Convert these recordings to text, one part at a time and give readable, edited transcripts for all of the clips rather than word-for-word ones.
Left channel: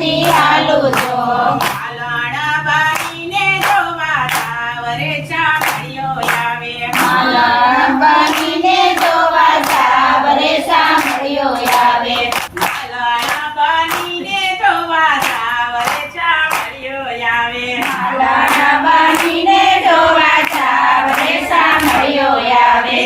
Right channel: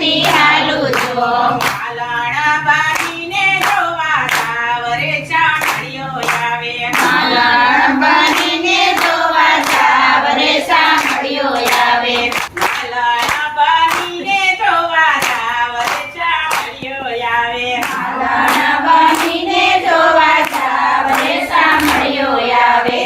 મલકતી હાલું જો માલણ બનીને જોવા સાવરે સાંભળ્યો આવે માલણ બનીને જોવા સાવરે સાંભળ્યો આવે માલણ બનીને જોવા સાવરે સાંભળ્યો આવે માલણ બનીને જોવા સાવરે સાંભળ્યો આવે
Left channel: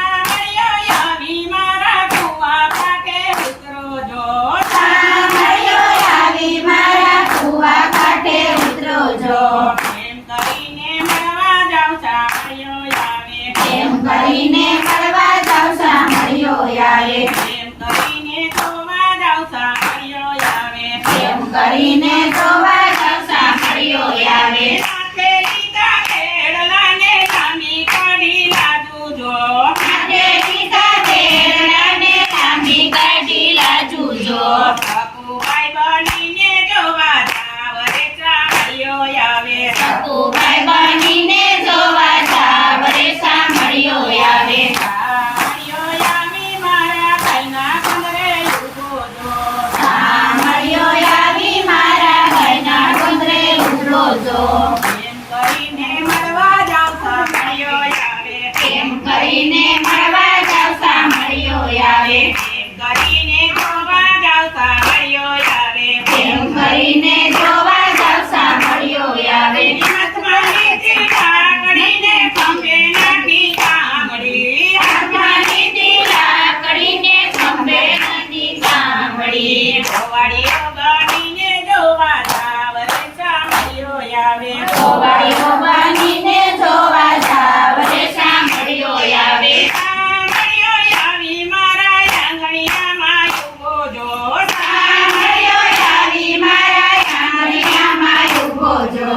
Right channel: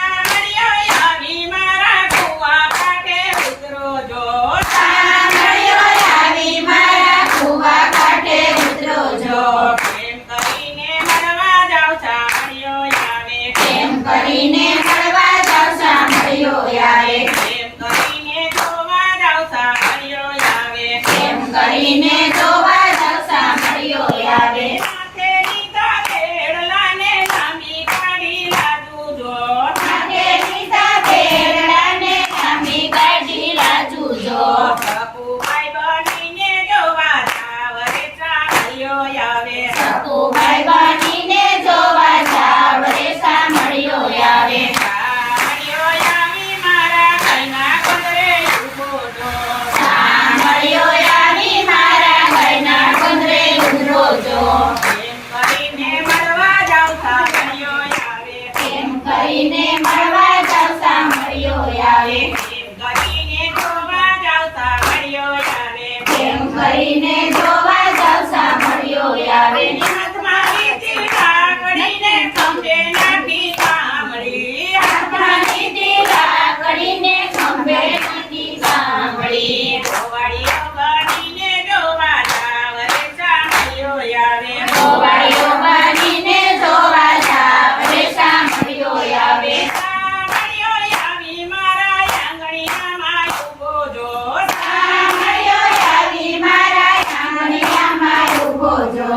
સાંભળ્યો આવી મારા સીમાડે વિતરો જો સાંભળ્યો આવી મારા કુવા કાંઠે ઉતરો જો એમ કરીને મળવા જાવ સાંભળ્યો આવે એમ કરીને મળવા જાવ સાંભળ્યો આવે એમ કરીને જોવા જાવ સાંભળ્યો આવે એમ કરીને જોવા જાવ સાંભળ્યો આવે સાથે લીધા ખેડલાને લાંબી કાઢી લાજુ જો માટે લીધા તેરડાને લાંબી કાઢી લાજુ જો સકુભાઈ બનીને જોવા સાવરે સાંભળ્યો આવે સકુભાઈ બનીને જોવા સાવરે સાંભળ્યો આવે સાંભળ્યો આવી મારા કઈના કંદરે ઊભો જો સાંભળ્યો આવી મારા ભાઈના કંદરે ઉતરો જો એમ કરીને મળવા જાવ સાંભળ્યો આવે એમ કરીને મળવા જાવ સાંભળ્યો આવે એમ કરીને જોવા જાવ સાંભળ્યો આવે એમ કરીને જોવા જાવ સાંભળ્યો આવે હાથમાં લીધી લાકડીને ખંભે નાખી કામડી હાથમાં લીધી લાકડીને ખંભે નાખી સાંભળી ગોવાળીઓ બનીને જોવા સાવરે સાંભળ્યો આવે ગોવાળીઓ બનીને જોવા સાવરે સાંભળ્યો આવે સાંભળ્યો આવી મારા આંગણિયામાં ઊભો જો સાંભળ્યો આવી મારા આંગણિયામાં ઊભો જો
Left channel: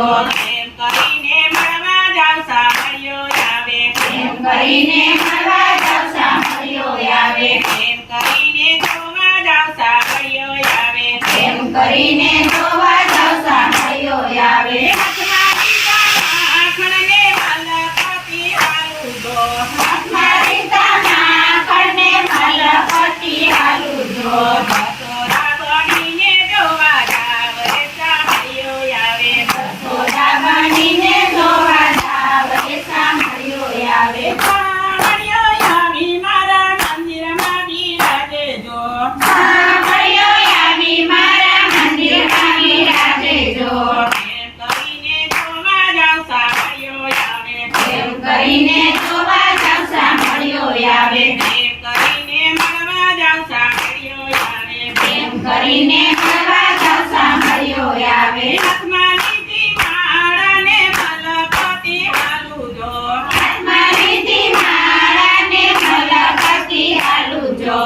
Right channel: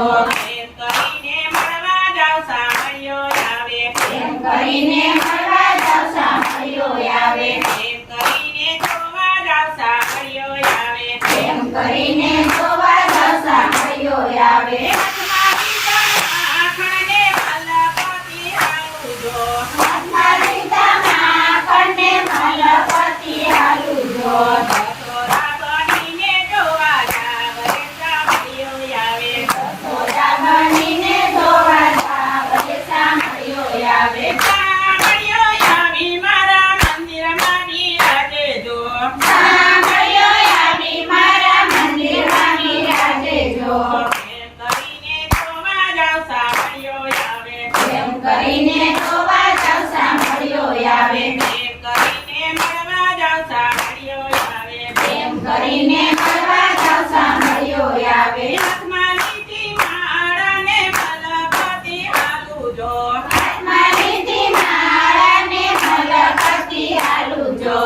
એમ કરીને મળવા જાવ સાંભળ્યો આવે એમ કરીને મળવા જાવ સાંભળ્યો આવે એમ કરીને જોવા જાવ સાંભળ્યો આવે એમ કરીને જોવા જાવ સાંભળ્યો આવે હાથમાં લીધા માખણને મલકતી હાલું જો મારી માખણને મલકતી હાલું જો સોરા બનીને જોવા સાવરે સાંભળ્યો આવે સોદા બનીને જોવા સાવરે સાંભળ્યો આવે સાંભળ્યો આવી મારા મંદિરમાં બિરાજે જો સાંભળ્યો આવી મારા મંદિરમાં બિરાજે જો એમ કરીને જોવા જાવ સાંભળ્યો આવે એમ કરીને જોવા જાવ સાંભળ્યો આવે એમ કરીને મળવા જાવ સાંભળ્યો આવે એમ કરીને મળવા જાવ સાંભળ્યો આવે હાથમાં લીધી માળાને મલકતી હાલું જો હાથમાં લીધી માળાને મલકતી હાલું જો